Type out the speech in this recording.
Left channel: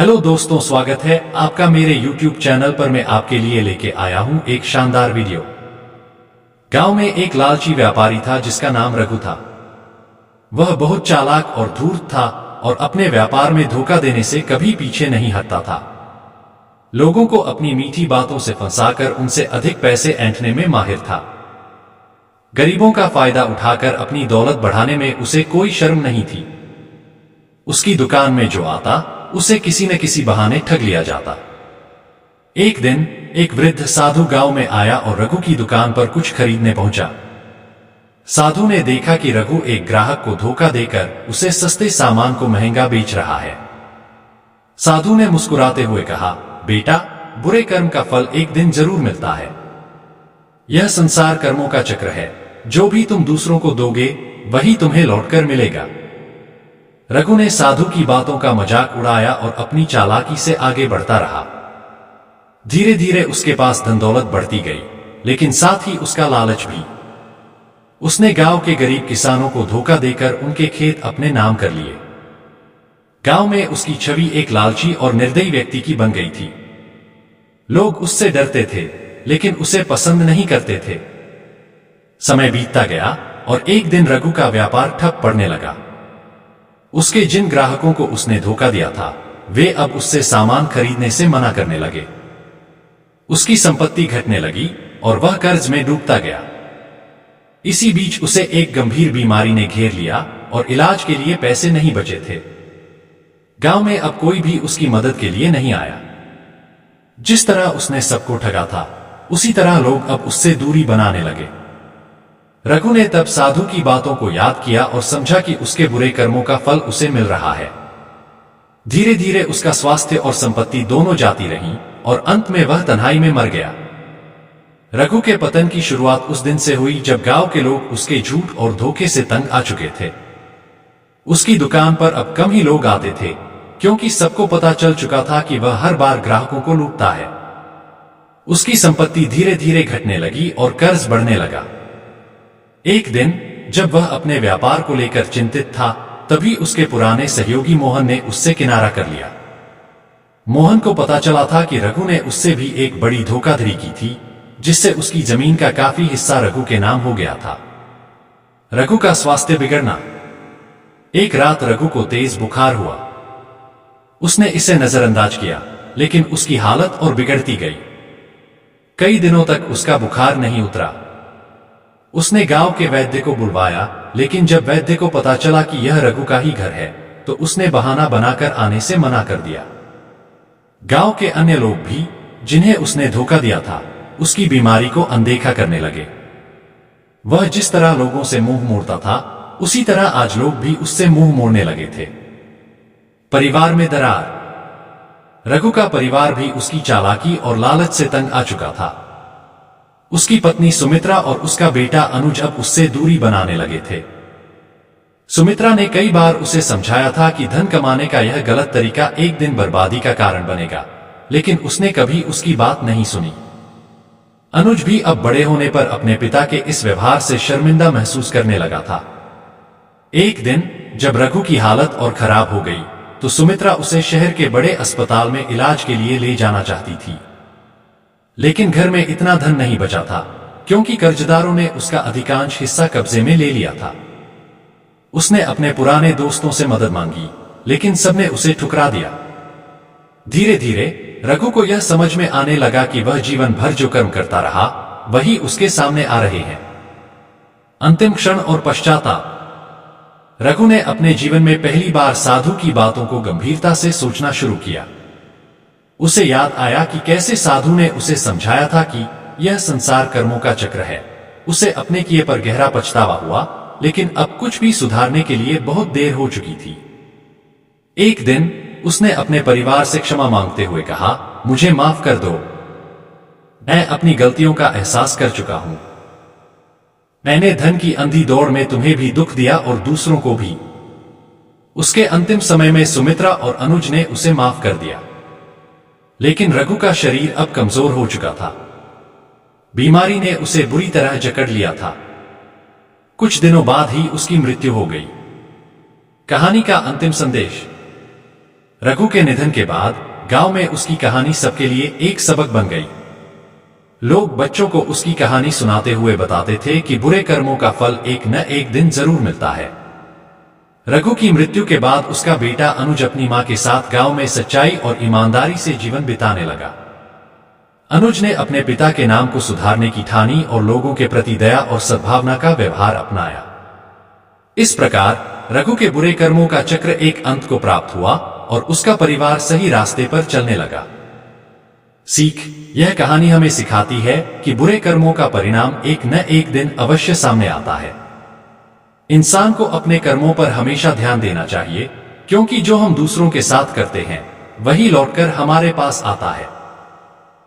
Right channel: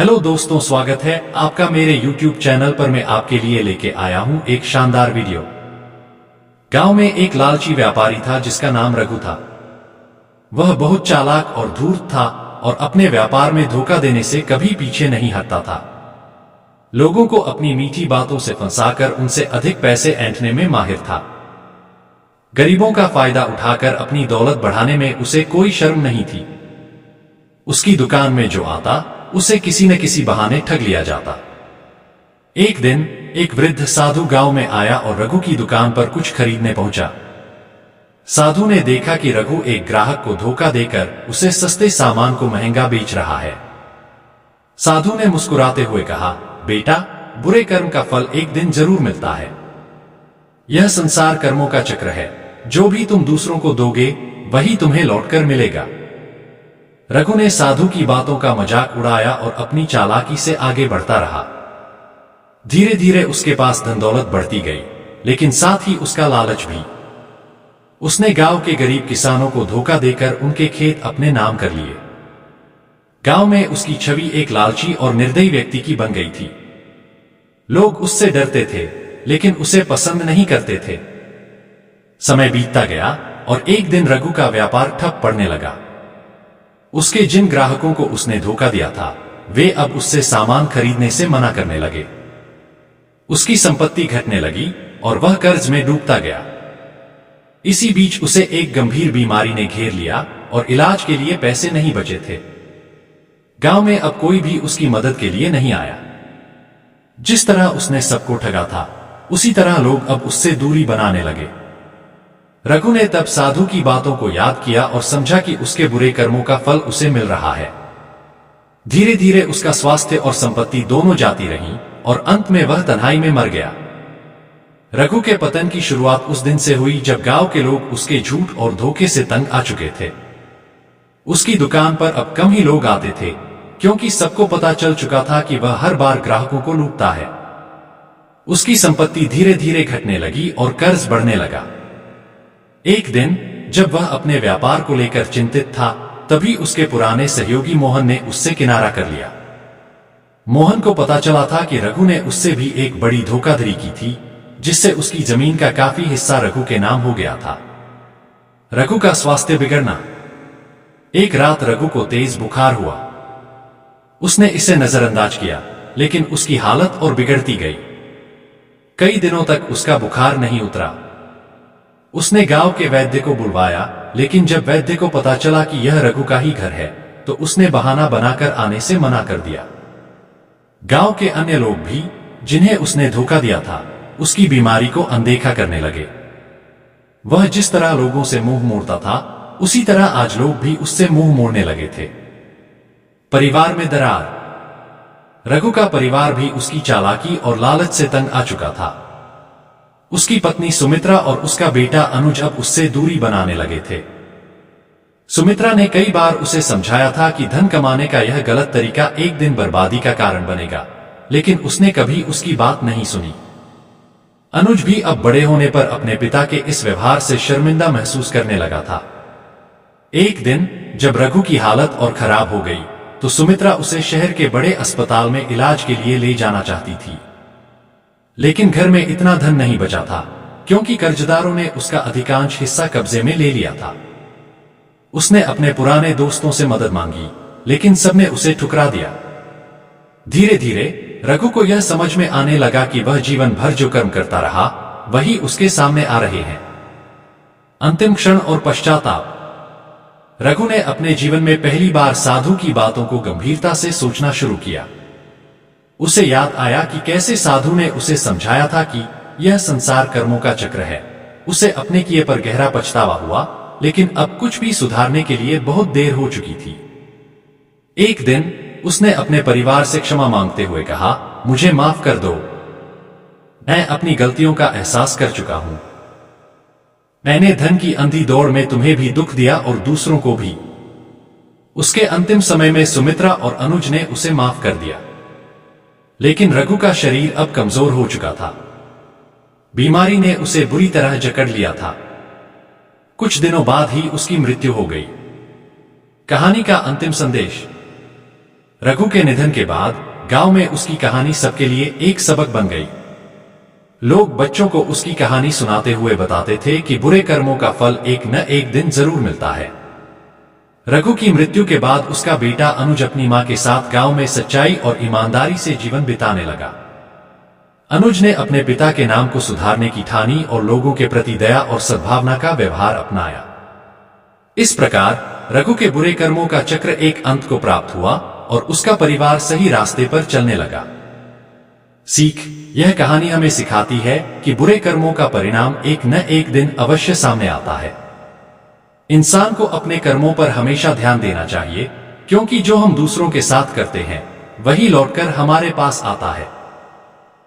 Hello दोस्तों, स्वागत है आपका मेरे YouTube चैनल पर। मैं आपके लिए लेके आया हूं एक शानदार वीडियो। गांव में एक लालची व्यापारी था जिसका नाम रघु था। वह बहुत चालाक और धूर्त था और अपने व्यापार में धोखा देने से कभी पीछे नहीं हटता था। लोगों को अपनी मीठी बातों से फंसाकर उनसे अधिक पैसे ऐंठने में माहिर था। गरीबों का फायदा उठाकर अपनी दौलत बढ़ाने में उसे कोई शर्म नहीं थी। उसकी दुकान में जो आता उसे किसी न किसी बहाने ठग लिया जाता। एक दिन एक वृद्ध साधु गांव में आया और रघु की दुकान पर कुछ खरीदने पहुंचा। साधु ने देखा कि रघु एक ग्राहक को धोखा देकर उसे सस्ते सामान को महंगा बेच रहा है। साधु ने मुस्कुराते हुए कहा, बेटा, बुरे कर्म का फल एक दिन जरूर मिलता है। यह संसार कर्मों का चक्र है। जो भी तुम दूसरों को दोगे वही तुम्हें लौटकर मिलेगा। रघु ने साधु की बातों का मजाक उड़ाया और अपनी चालाकी से आगे बढ़ता रहा। धीरे धीरे उसके पास धन दौलत बढ़ती गई, लेकिन साथ ही उसका लालच भी। उसने गांव के गरीब किसानों को धोखा देकर उनके खेत अपने नाम कर लिए। गांव में उसकी छवि एक लालची और निर्दयी व्यक्ति की बन गई थी। लोग उससे डरते थे, लेकिन उसे पसंद नहीं करते थे। समय बीतता गया और एक दिन रघु का व्यापार ठप पड़ने लगा। उसके जिन ग्राहकों को उसने धोखा दिया था वे अब उससे सामान खरीदने से मना करने लगे। उसकी संपत्ति घटने लगी और वह कर्ज में डूबता गया। इसी बीच उसे एक गंभीर बीमारी ने घेर लिया और इलाज के लिए पैसे नहीं बचे थे। गांव में अब कोई भी उसकी मदद के लिए नहीं आया। जिस तरह उसने सबको ठगा था उसी तरह लोग अब उससे दूरी बनाने लगे। रघु ने तब साधु की बातों को याद किया और समझा कि उसके बुरे कर्मों का फल उसे मिल रहा है। धीरे धीरे उसका स्वास्थ्य और संपत्ति दोनों जाती रहीं और अंत में वह तन्हाई में मर गया। रघु के पतन की शुरुआत उस दिन से हुई जब गांव के लोग उसके झूठ और धोखे से तंग आ चुके थे। उसकी दुकान पर अब कम ही लोग आते थे, क्योंकि सबको पता चल चुका था कि वह हर बार ग्राहकों को लूटता है। उसकी संपत्ति धीरे धीरे घटने लगी और कर्ज बढ़ने लगा। एक दिन जब वह अपने व्यापार को लेकर चिंतित था, तभी उसके पुराने सहयोगी मोहन ने उससे किनारा कर लिया। मोहन को पता चला था कि रघु ने उससे भी एक बड़ी धोखाधड़ी की थी, जिससे उसकी जमीन का काफी हिस्सा रघु के नाम हो गया था। रघु का स्वास्थ्य बिगड़ना। एक रात रघु को तेज बुखार हुआ। उसने इसे नजरअंदाज किया, लेकिन उसकी हालत और बिगड़ती गई। कई दिनों तक उसका बुखार नहीं उतरा। उसने गांव के वैद्य को बुलवाया, लेकिन जब वैद्य को पता चला कि यह रघु का ही घर है तो उसने बहाना बनाकर आने से मना कर दिया। गांव के अन्य लोग भी, जिन्हें उसने धोखा दिया था, उसकी बीमारी को अनदेखा करने लगे। वह जिस तरह लोगों से मुंह मोड़ता था, उसी तरह आज लोग भी उससे मुंह मोड़ने लगे थे। परिवार में दरार। रघु का परिवार भी उसकी चालाकी और लालच से तंग आ चुका था। उसकी पत्नी सुमित्रा और उसका बेटा अनुज अब उससे दूरी बनाने लगे थे। सुमित्रा ने कई बार उसे समझाया था कि धन कमाने का यह गलत तरीका एक दिन बर्बादी का कारण बनेगा, लेकिन उसने कभी उसकी बात नहीं सुनी। अनुज भी अब बड़े होने पर अपने पिता के इस व्यवहार से शर्मिंदा महसूस करने लगा था। एक दिन जब रघु की हालत और खराब हो गई तो सुमित्रा उसे शहर के बड़े अस्पताल में इलाज के लिए ले जाना चाहती थी, लेकिन घर में इतना धन नहीं बचा था, क्योंकि कर्जदारों ने उसका अधिकांश हिस्सा कब्जे में ले लिया था। उसने अपने पुराने दोस्तों से मदद मांगी, लेकिन सबने उसे ठुकरा दिया। धीरे धीरे रघु को यह समझ में आने लगा कि वह जीवन भर जो कर्म करता रहा वही उसके सामने आ रहे हैं। अंतिम क्षण और पश्चाताप। रघु ने अपने जीवन में पहली बार साधु की बातों को गंभीरता से सोचना शुरू किया। उसे याद आया कि कैसे साधु ने उसे समझाया था कि यह संसार कर्मों का चक्र है। उसे अपने किए पर गहरा पछतावा हुआ, लेकिन अब कुछ भी सुधारने के लिए बहुत देर हो चुकी थी। एक दिन उसने अपने परिवार से क्षमा मांगते हुए कहा, मुझे माफ कर दो। मैं अपनी गलतियों का एहसास कर चुका हूं। मैंने धन की अंधी दौड़ में तुम्हें भी दुख दिया और दूसरों को भी। उसके अंतिम समय में सुमित्रा और अनुज ने उसे माफ कर दिया, लेकिन रघु का शरीर अब कमजोर हो चुका था। बीमारी ने उसे बुरी तरह जकड़ लिया था। कुछ दिनों बाद ही उसकी मृत्यु हो गई। कहानी का अंतिम संदेश। रघु के निधन के बाद गांव में उसकी कहानी सबके लिए एक सबक बन गई। लोग बच्चों को उसकी कहानी सुनाते हुए बताते थे कि बुरे कर्मों का फल एक न एक दिन जरूर मिलता है। रघु की मृत्यु के बाद उसका बेटा अनुज अपनी मां के साथ गांव में सच्चाई और ईमानदारी से जीवन बिताने लगा। अनुज ने अपने पिता के नाम को सुधारने की ठानी और लोगों के प्रति दया और सद्भावना का व्यवहार अपनाया। इस प्रकार रघु के बुरे कर्मों का चक्र एक अंत को प्राप्त हुआ और उसका परिवार सही रास्ते पर चलने लगा। सीख: यह कहानी हमें सिखाती है कि बुरे कर्मों का परिणाम एक न एक दिन अवश्य सामने आता है। इंसान को अपने कर्मों पर हमेशा ध्यान देना चाहिए, क्योंकि जो हम दूसरों के साथ करते हैं वही लौटकर हमारे पास आता है।